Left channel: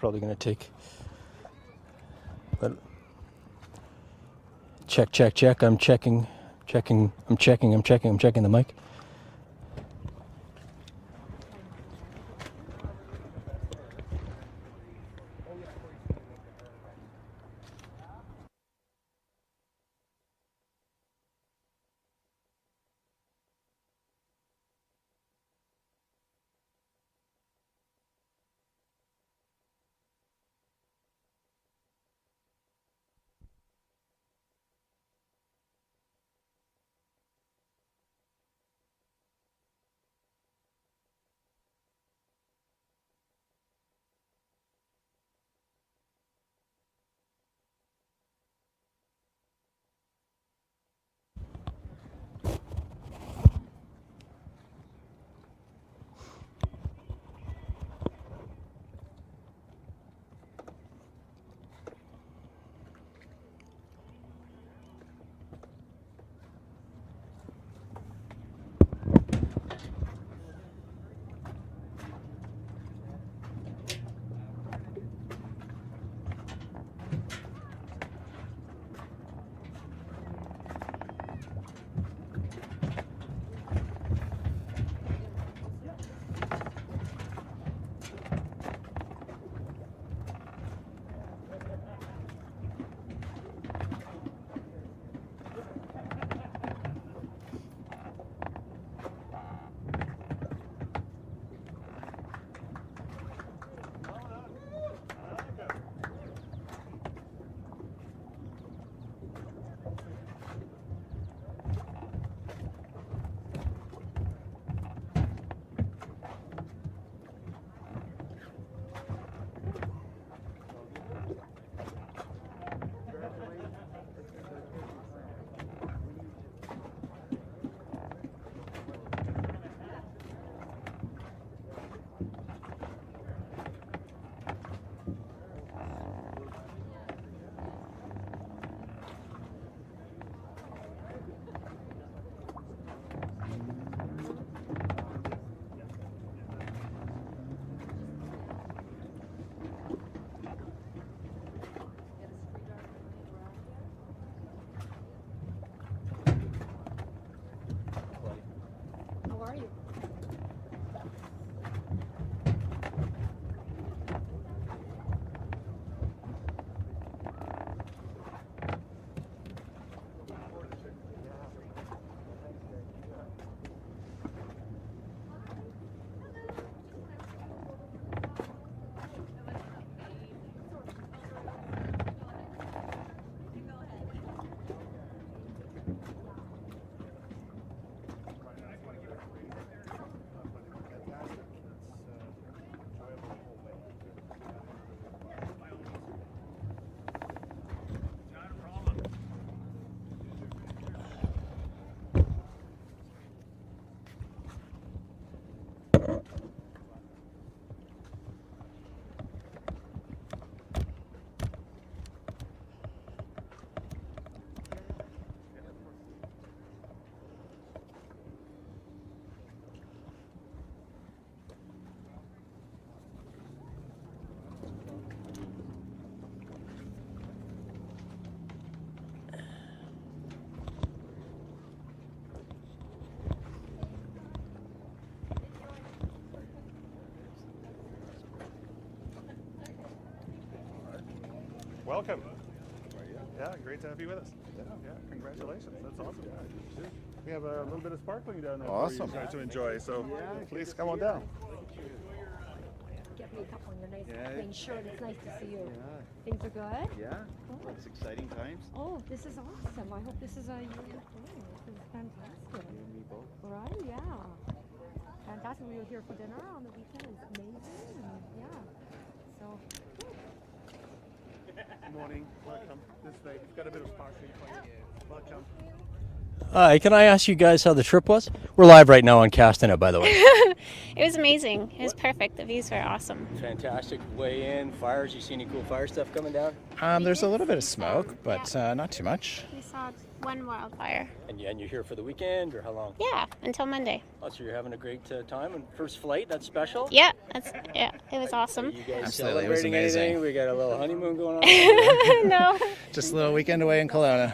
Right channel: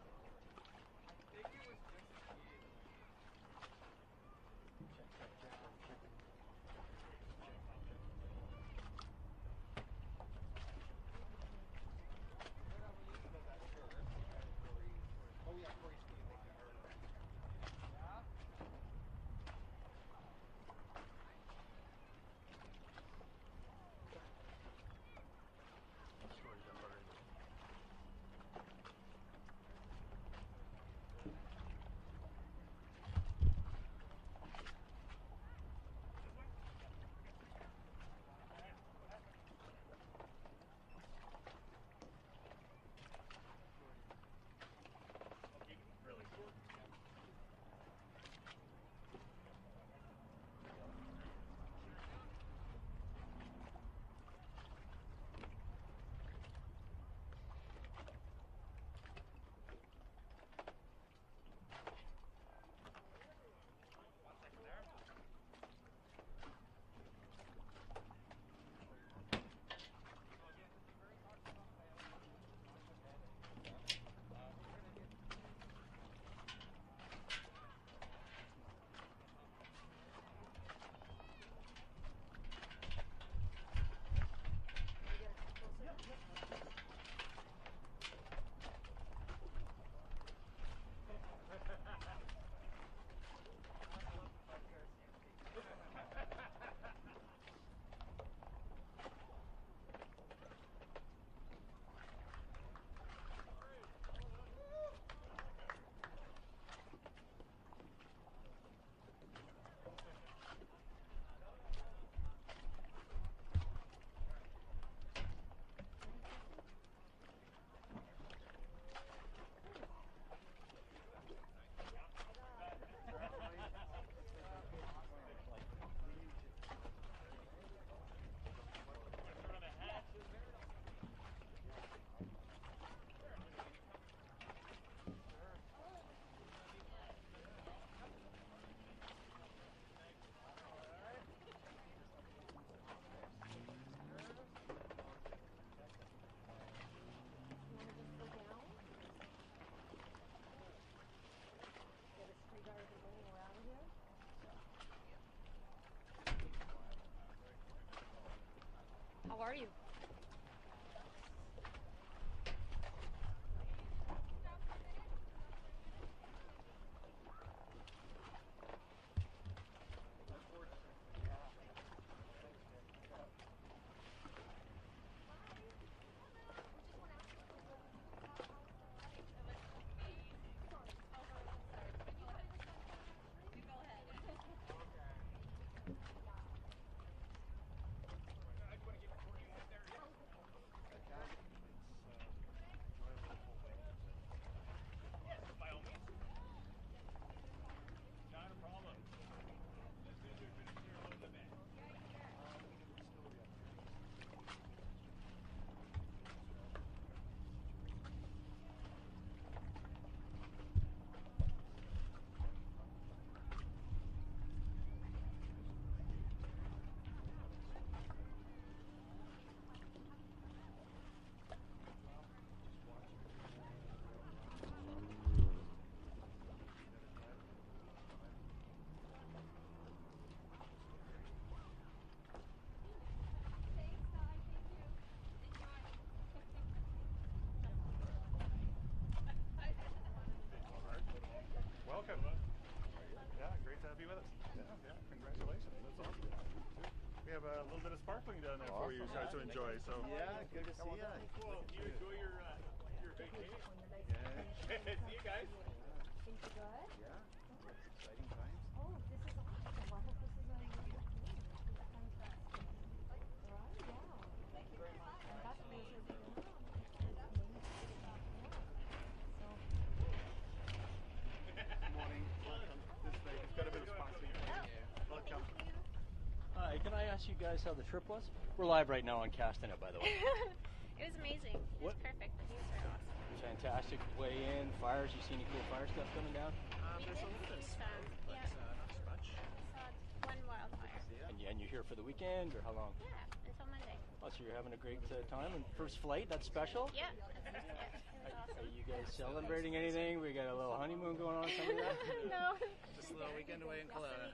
probably going to take. But check. I'm checking the mic. Welcome. Yeah, great to have you with us. Yeah, congratulations. That's awesome. We have a little bit of sparkling down there Awesome. for you guys to enjoy. So please come on down. Get me a cup on your nice clean shirt. It's nice to see you. Things are good? Yeah, it's exciting times. Oh, this is awesome. I hope this is a year you're doing. This is fantastic. You and me both. Right? Yeah. Fantastic. We were here for dinner on the weekend. It's amazing. And yeah. So. Good morning. Welcome. This way. We've got a bit of sparkling for you. Welcome. Hi, can I ask you guys how the trip was? We're live right now on Castanet, by the way. It was amazing. It was perfect. The views were awesome. Fantastic. Way in. Fires. You see any cool fire stuff coming down? There's a little bit of smoke, but not too much. We saw One wildfire. And you're here for the weekend, or how long? Yeah, until Monday. Oh, so you're having a great time. And first flight, that's special? Yeah, it was awesome. Are you guys Absolutely, it was celebrating amazing. anything? We got a little honeymoon going on. No. Just a little weekend away in Kelowna.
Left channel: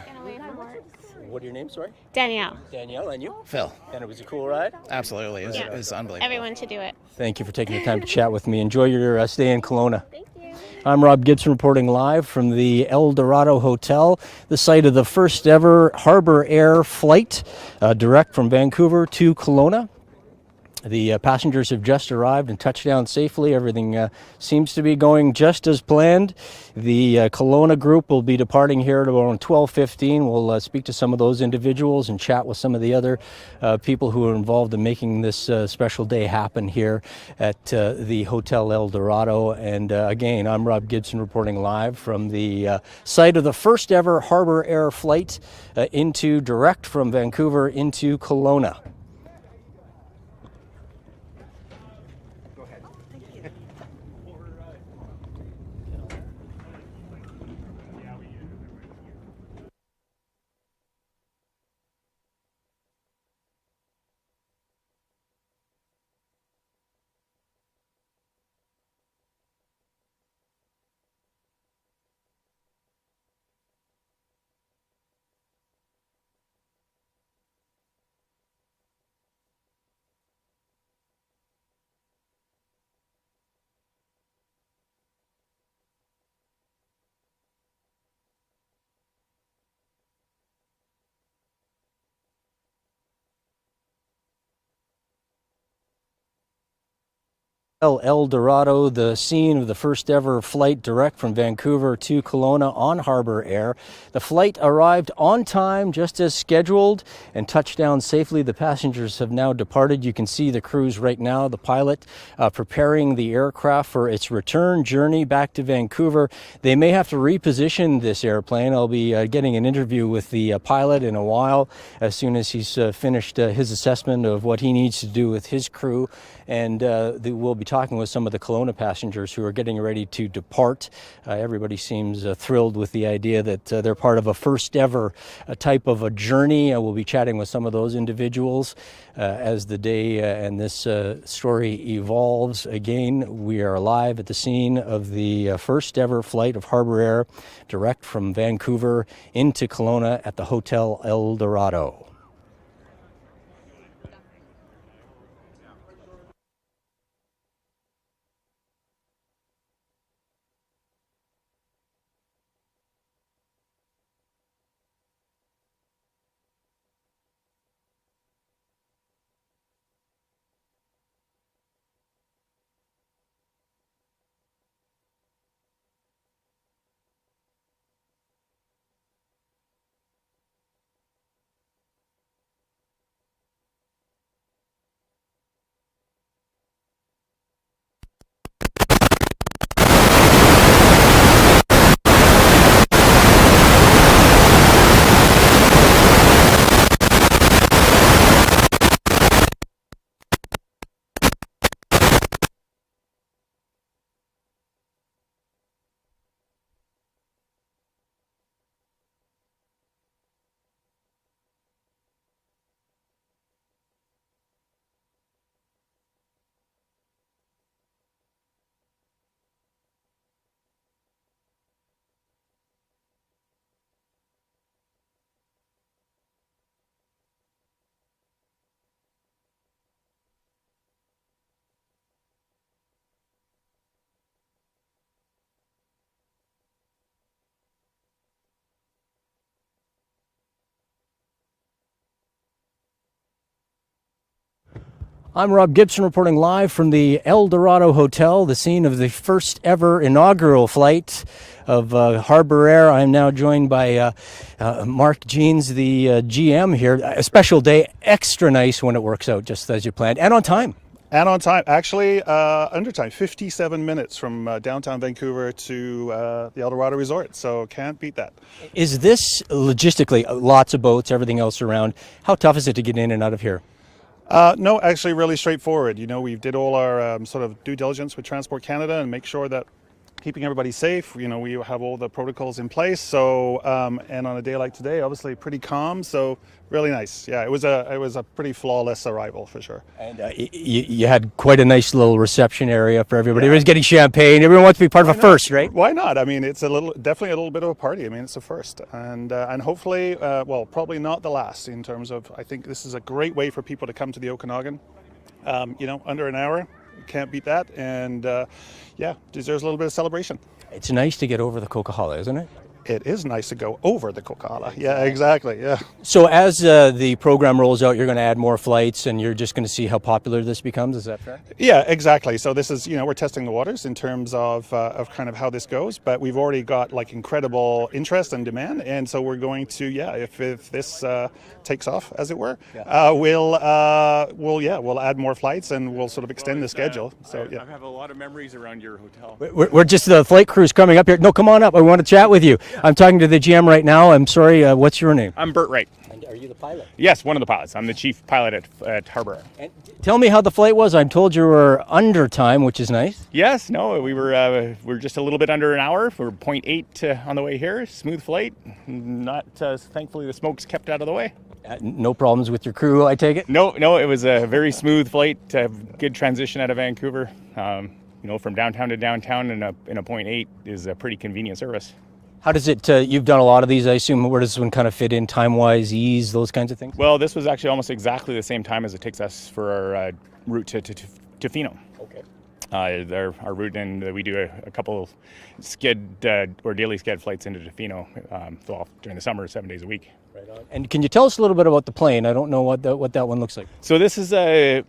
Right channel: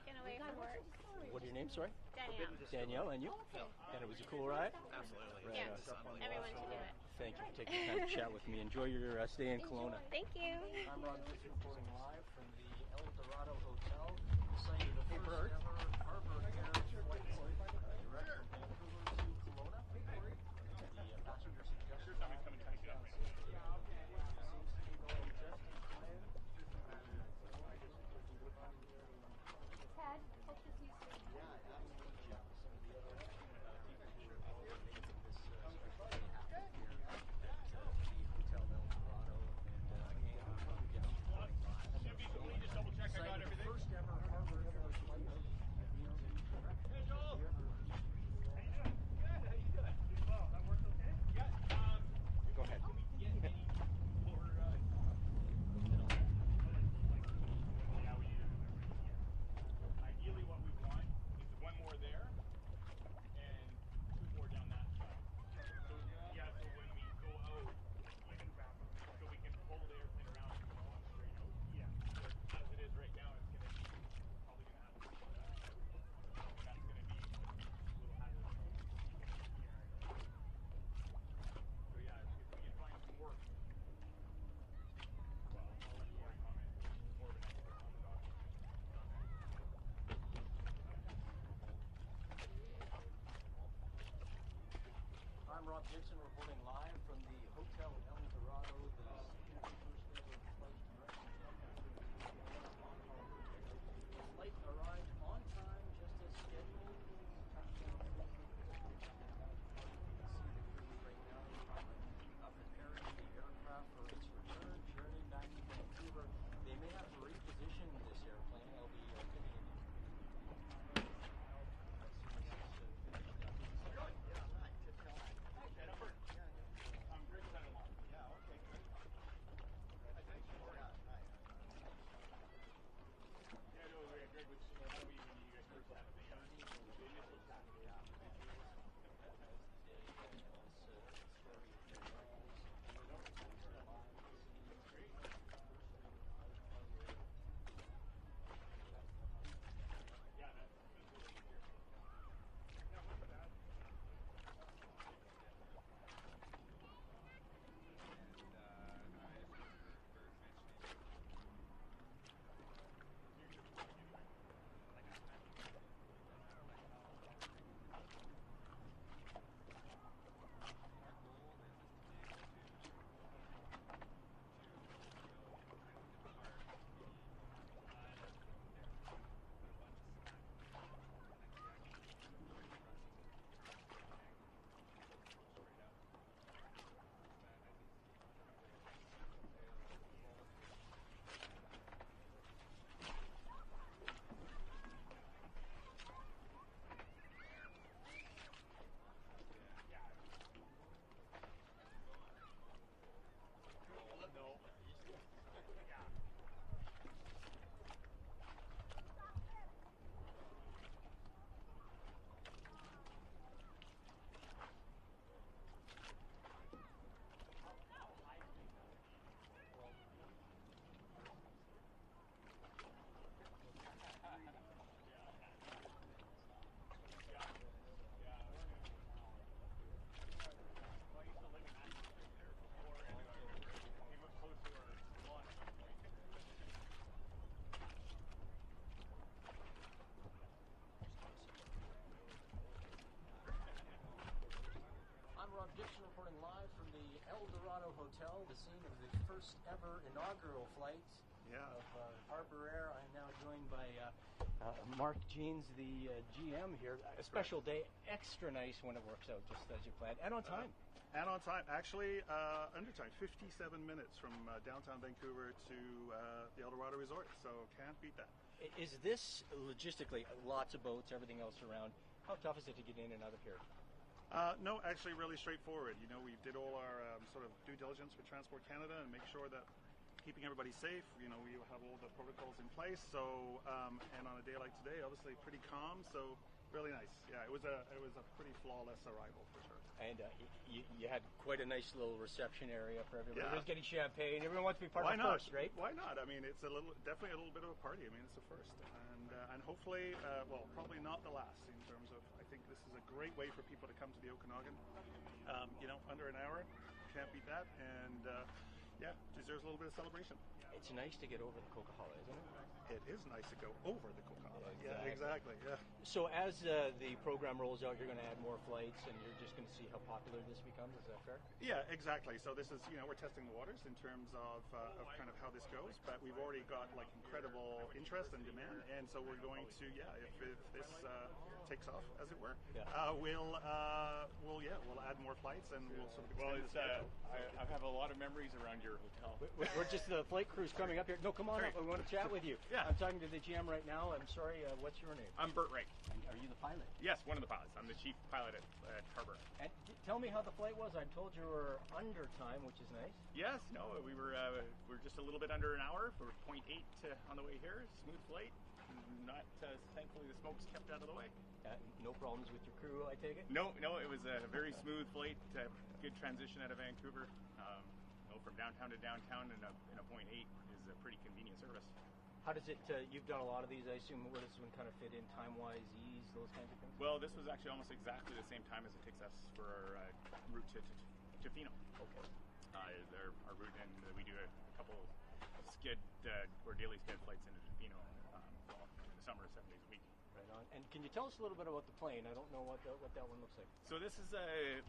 What are your names, sorry? Danielle. Danielle, and you? Phil, And it was a cool ride? absolutely. It Yeah. was unbelievable. Everyone should do it. Thank you for taking the time to chat with me. Enjoy your stay in Kelowna. Thank you. I'm Rob Gibson reporting live from the El Dorado Hotel, the site of the first ever Harbour Air flight direct from Vancouver to Kelowna. The passengers have just arrived and touched down safely. Everything seems to be going just as planned. The Kelowna group will be departing here at around 12:15. We'll speak to some of those individuals and chat with some of the other people who are involved in making this special day happen here at the Hotel El Dorado. And again, I'm Rob Gibson reporting live from the site of the first ever Harbour Air flight direct from Vancouver into Kelowna. El Dorado, the scene of the first ever flight direct from Vancouver to Kelowna on Harbour Air. The flight arrived on time, just as scheduled, and touched down safely. The passengers have now departed. You can see the crews right now, the pilot preparing the aircraft for its return journey back to Vancouver. They may have to reposition this airplane. I'll be getting an interview with the pilot in a while, as soon as he's finished his assessment of what he needs to do with his crew. And we'll be talking with some of the Kelowna passengers who are getting ready to depart. Everybody seems thrilled with the idea that they're part of a first ever type of a journey. We'll be chatting with some of those individuals as the day and this story evolves. Again, we are live at the scene of the first ever flight of Harbour Air direct from Vancouver into Kelowna at the Hotel El Dorado. I'm Rob Gibson reporting live from the El Dorado Hotel, the scene of the first ever inaugural flight of Harbour Air. I'm now joined by Mark Jeans, the GM here. A special day, extra nice when it works out just as you planned, and on time. And on time, actually under time, 57 minutes from downtown Vancouver to the El Dorado Resort, so can't beat that. Is this logistically, lots of boats, everything else around, how tough is it to get in and out of here? No, actually really straightforward. You know, we did all our sort of due diligence with Transport Canada and make sure that keeping everybody safe. You know, we have all the protocols in place. So, and on a day like today, obviously pretty calm. So really nice. Yeah, it was a pretty flawless arrival for sure. And you had quite a nice little reception area for everybody. Everyone's getting champagne. Everyone wants to be part of a first, right? Why not? I mean, it's definitely a little bit of a party. I mean, it's a first, and hopefully, well, probably not the last. In terms of, I think this is a great way for people to come to the Okanagan. You know, under an hour, can't beat that, and yeah, deserves a little bit of celebration. It's nice to get over the Coquihalla, isn't it? It is nice to go over the Coquihalla. Yeah, exactly. Yeah. So as the program rolls out, you're going to add more flights, and you're just going to see how popular this becomes. Is that fair? Yeah, exactly. So this is, you know, we're testing the waters in terms of kind of how this goes, but we've already got like incredible interest and demand, and so we're going to, yeah, if this takes off, as it were, we'll add more flights and we'll sort of extend the schedule. So yeah. I have a lot of memories around your hotel. We're just the flight crew's coming up here. No, come on up. I want to chat with you. I'm talking to the GM right now. I'm sorry. What's your name? I'm Bert Wright. And are you the pilot? Yes, one of the pilots. I'm the chief pilot at Harbour Air. And tell me how the flight was. I'm told you were under time, which is nice. Yes, no, we were just a little bit under an hour. We were 0.8 on the way here. Smooth flight. Not thankfully the smoke's kept out of the way. No problems with your crew, I take it? No, it was a very smooth flight. Good transition out of Vancouver. You know, from downtown to downtown in a 0.8 is a pretty convenient service. How does it, you've done a lot of these, I assume. Where does this one kind of fit in time-wise, ease, those kinds of things? Well, this was actually almost exactly the same time as it takes us for our route to Tofino. Okay. Our route, and we do a couple or daily sched flights into Tofino during the summer, 7 days a week. Right on. And can you tell us a little bit about the plane? I don't know what that one looks like. So this is a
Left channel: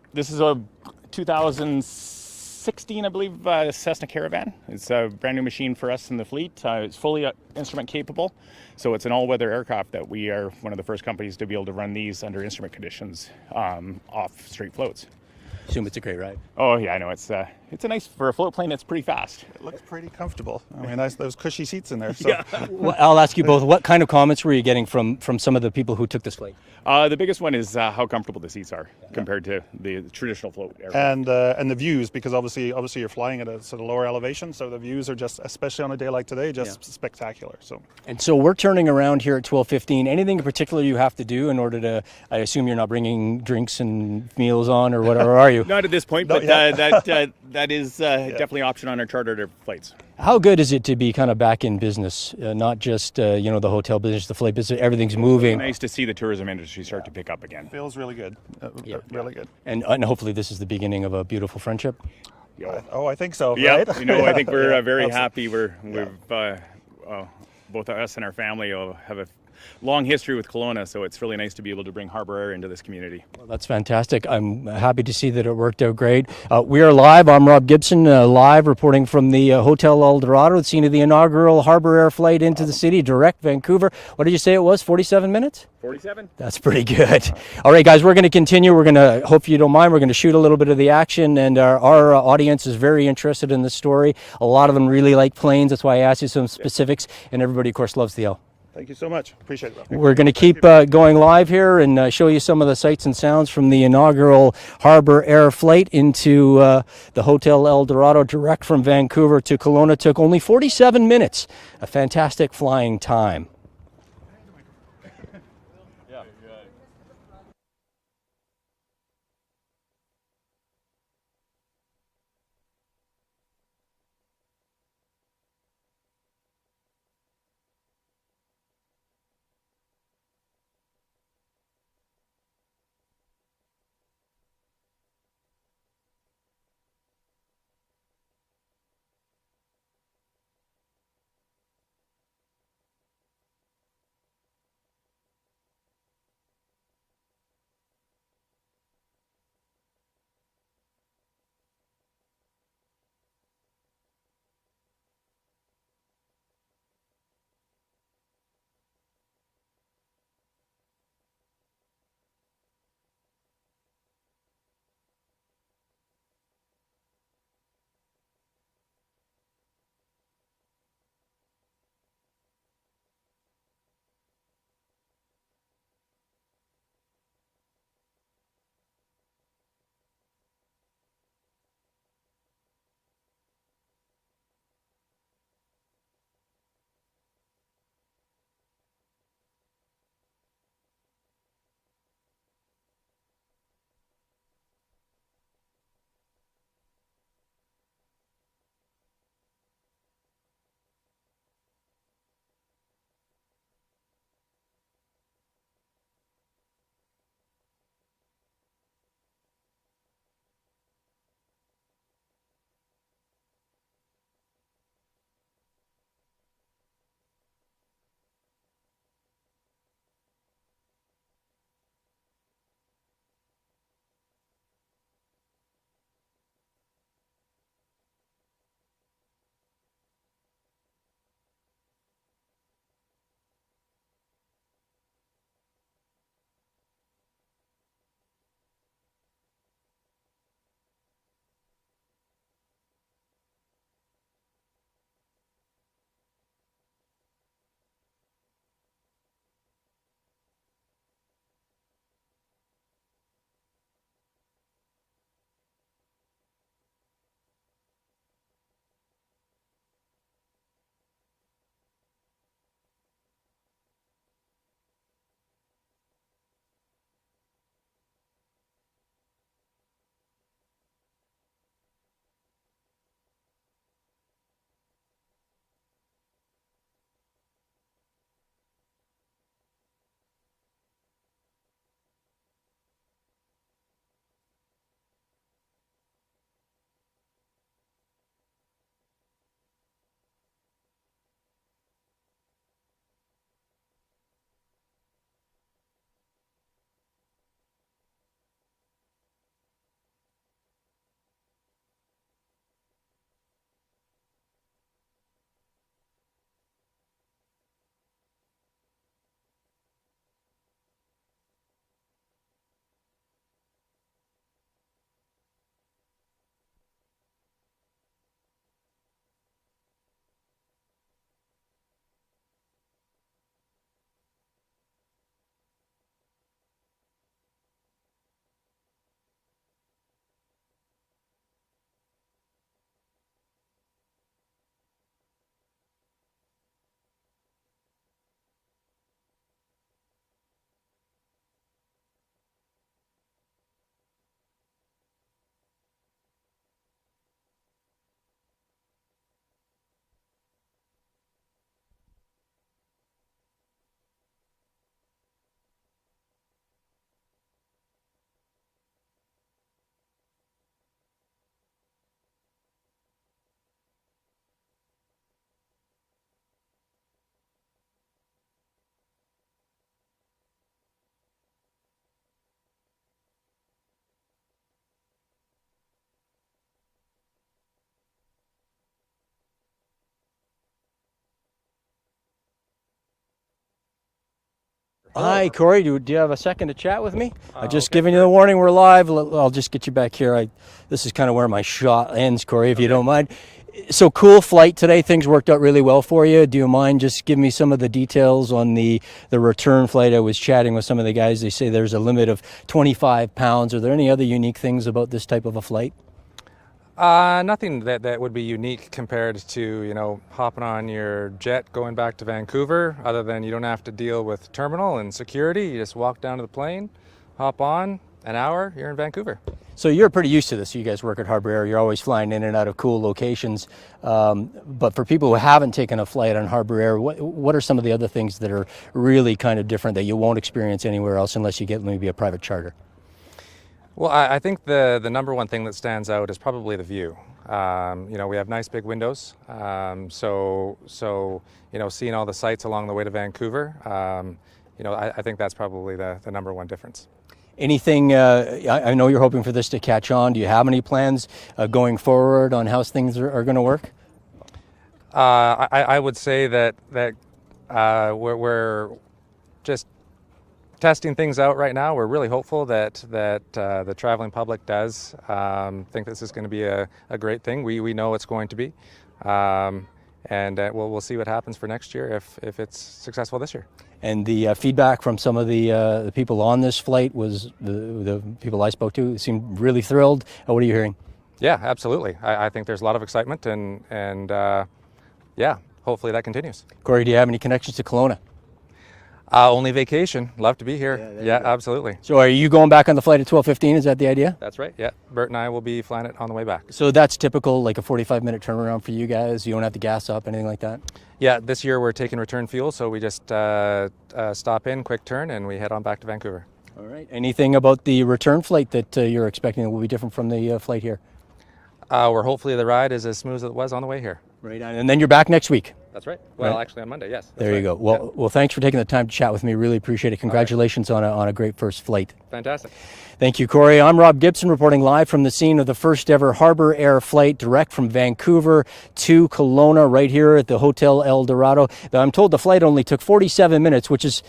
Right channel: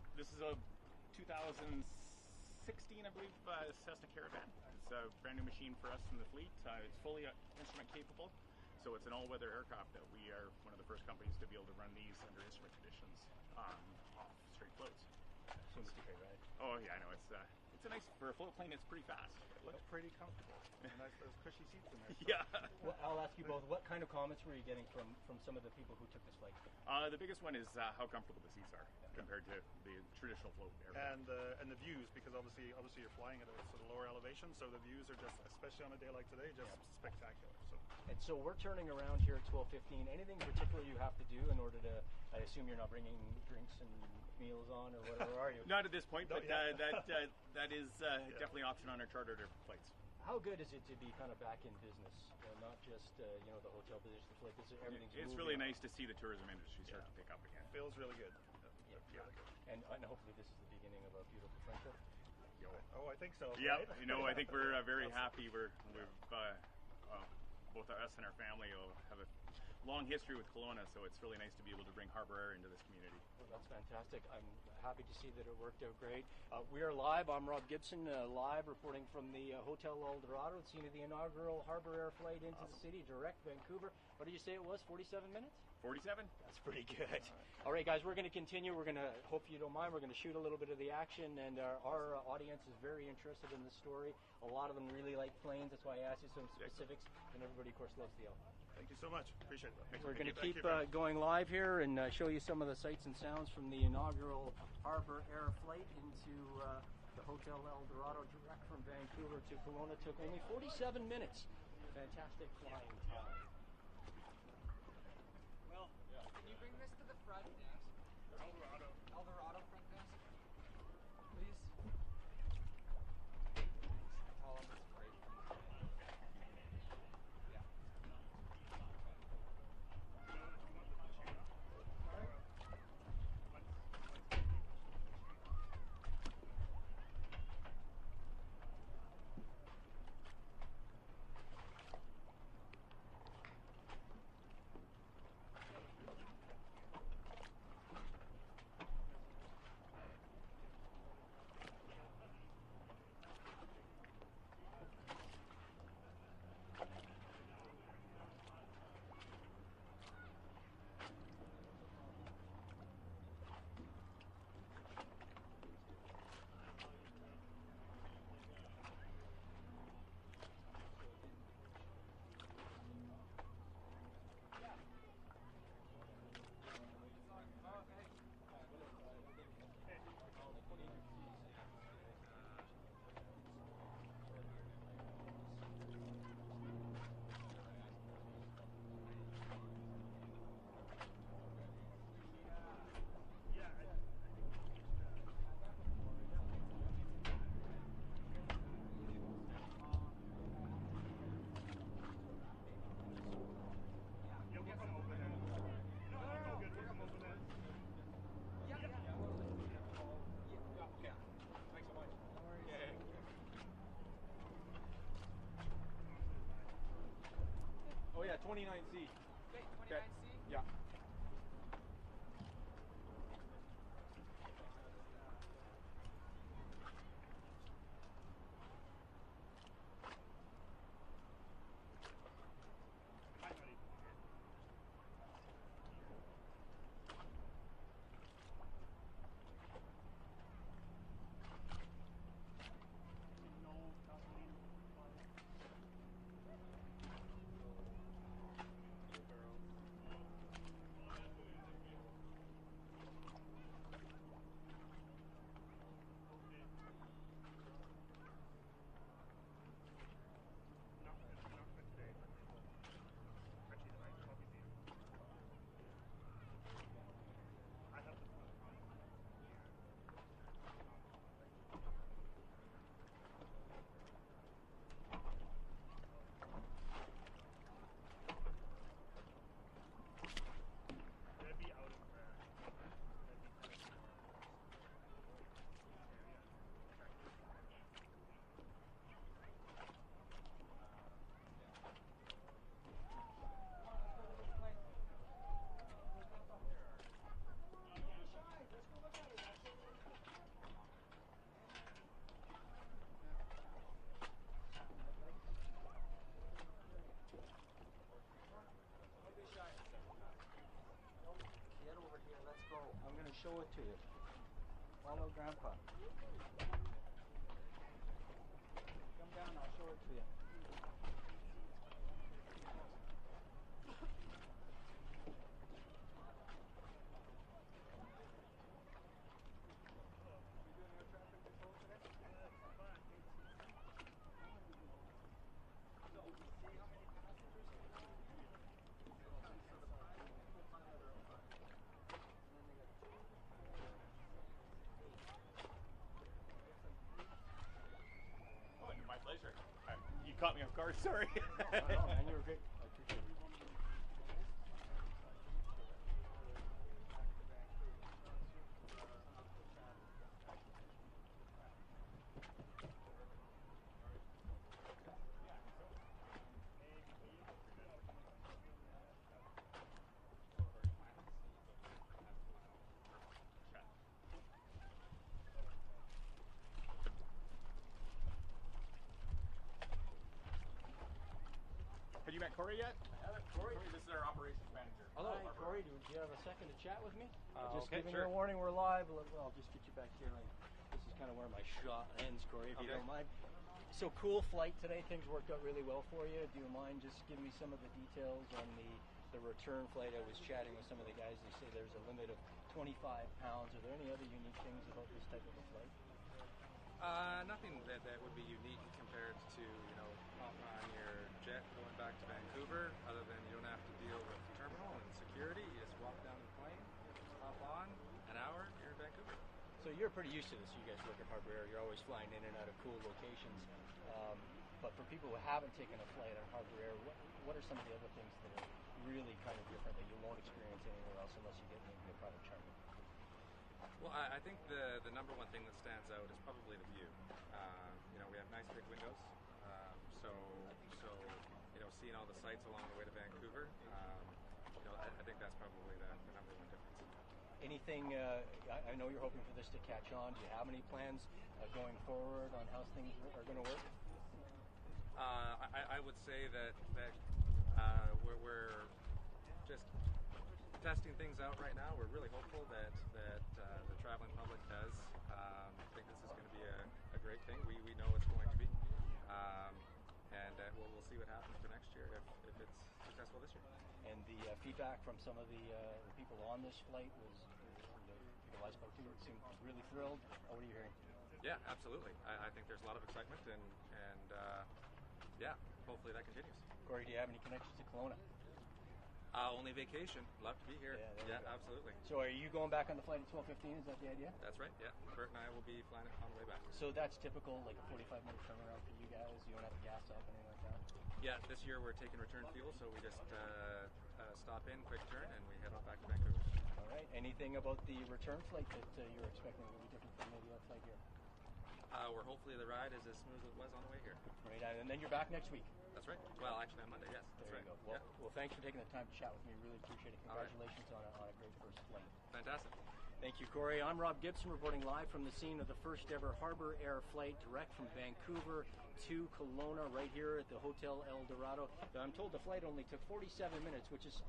2016, I believe, Cessna Caravan. It's a brand new machine for us in the fleet. It's fully instrument capable, so it's an all-weather aircraft that we are one of the first companies to be able to run these under instrument conditions off straight floats. I assume it's a great ride. Oh yeah, I know it's a nice for a float plane. It's pretty fast. It looks pretty comfortable. I mean, those cushy seats in there. So. Yeah. Well, I'll ask you both. What kind of comments were you getting from some of the people who took this flight? The biggest one is how comfortable the seats are compared to the traditional float aircraft. And the views, because obviously you're flying at a sort of lower elevation, so the views are just, especially on a day like today, just spectacular. So we're turning around here at 12:15. Anything in particular you have to do in order to? I assume you're not bringing drinks and meals on, or whatever, are you? Not at this point, but that is definitely an option on our chartered flights. How good is it to be kind of back in business, not just the hotel business, the flight business, everything's moving? It's nice to see the tourism industry start to pick up again. Feels really good, really good. And hopefully this is the beginning of a beautiful friendship. I think so. Yeah, right? I think we're very happy. We've both us and our family have a long history with Kelowna, so it's really nice to be able to bring Harbour Air into this community. Well, that's fantastic. I'm happy to see that it worked out great. We are live. I'm Rob Gibson, live reporting from the Hotel El Dorado, the scene of the inaugural Harbour Air flight into the city, direct Vancouver. What did you say it was, 47 minutes? 47. That's pretty good. All right, guys, we're going to continue. We're going to, hope you don't mind, we're going to shoot a little bit of the action, and our audience is very interested in this story. A lot of them really like planes. That's why I asked you some specifics, and everybody, of course, loves the L. Thank you so much. Appreciate it. We're going to keep going live here and show you some of the sights and sounds from the inaugural Harbour Air flight into the Hotel El Dorado, direct from Vancouver to Kelowna. Took only 47 minutes. A fantastic flying time. 29C. Okay, 29C? Yeah. Get over here, let's go. I'm going to show it to you. Follow Grandpa. Come down, I'll show it to you. My pleasure. You caught me off guard. Sorry. Man, you were great. I appreciate it. Have you met Corey yet? Corey, this is our operations manager. Hi, Corey. Do you have a second to chat with me? I'm just giving you the warning. We're live. I'll just get you back here. This is kind of where my shot ends, Corey, if you don't mind. So cool flight today. Things worked out really well for you. Do you mind just giving me some of the details on the return flight? I was chatting with some of the guys. They say there's a limit of 25 pounds. Are there any other unique things about this type of a flight? Nothing that would be unique compared to, hopping on your jet going back to Vancouver, other than you don't have to deal with terminal and security. You just walk down to the plane, hop on, an hour, you're in Vancouver. So you're pretty used to this. You guys work at Harbour Air. You're always flying in and out of cool locations. But for people who haven't taken a flight on Harbour Air, what are some of the other things that are really kind of different that you won't experience anywhere else unless you get maybe a private charter? Well, I think the number one thing that stands out is probably the view. We have nice big windows, so seeing all the sights along the way to Vancouver, I think that's probably the number one difference. Anything, I know you're hoping for this to catch on. Do you have any plans going forward on how things are going to work? I would say that we're just testing things out right now. We're really hopeful that the traveling public does think this is going to be a great thing. We know it's going to be, and we'll see what happens for next year if it's successful this year. And the feedback from some of the people on this flight was the people I spoke to seemed really thrilled. What are you hearing? Yeah, absolutely. I think there's a lot of excitement, and hopefully that continues. Corey, do you have any connections to Kelowna? Only vacation. Love to be here. Yeah, absolutely. So are you going back on the flight at 12:15? Is that the idea? That's right. Yeah, Bert and I will be flying it on the way back. So that's typical, like a 45-minute turnaround for you guys? You don't have to gas up, anything like that? Yeah, this year we're taking return fuel, so we just stop in, quick turn, and we head on back to Vancouver. All right. Anything about the return flight that you're expecting that will be different from the flight here? Hopefully the ride is as smooth as it was on the way here. Right, and then you're back next week. That's right. Well, Right. actually on Monday, yes. That's There you right. go. Well, Yeah. well, thanks for taking the time to chat with me. Really appreciate it. Congratulations on a great first flight. Fantastic. Thank you, Corey. I'm Rob Gibson reporting live from the scene of the first ever Harbour Air flight direct from Vancouver to Kelowna right here at the Hotel El Dorado. I'm told the flight only took 47 minutes, which is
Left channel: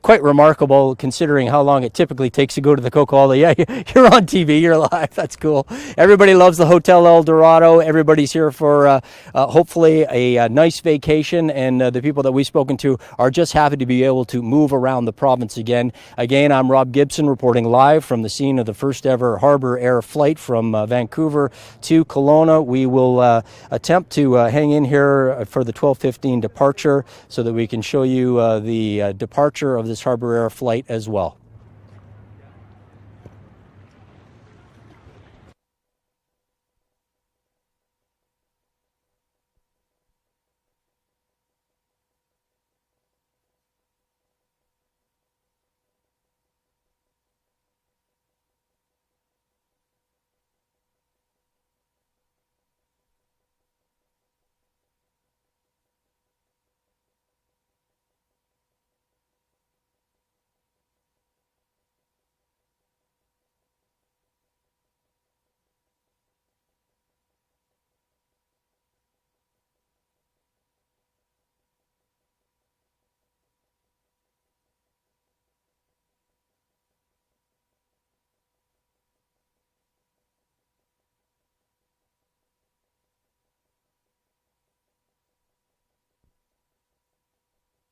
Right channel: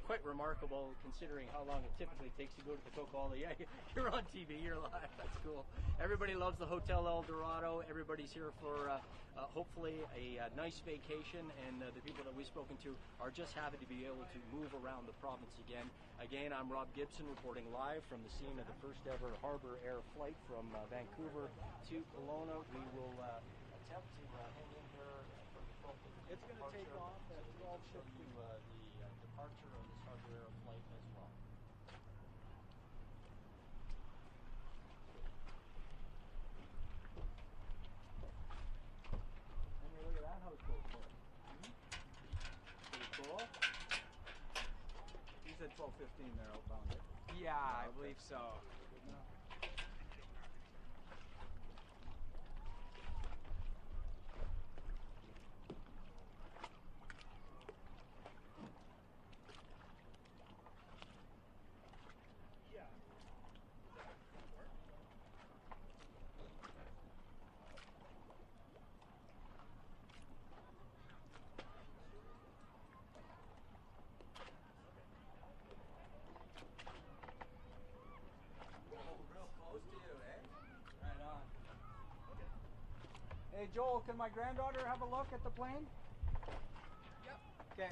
quite remarkable considering how long it typically takes to go to the Coca-Cola. Yeah, you're on TV, you're live. That's cool. Everybody loves the Hotel El Dorado. Everybody's here for hopefully a nice vacation, and the people that we've spoken to are just happy to be able to move around the province again. Again, I'm Rob Gibson reporting live from the scene of the first ever Harbour Air flight from Vancouver to Kelowna. We will attempt to hang in here for the 12:15 departure so that we can show you the departure of this Harbour Air flight as well. Yeah, I believe so. Hey Joel, can my granddaughter have a look at the plane? Yep. Okay.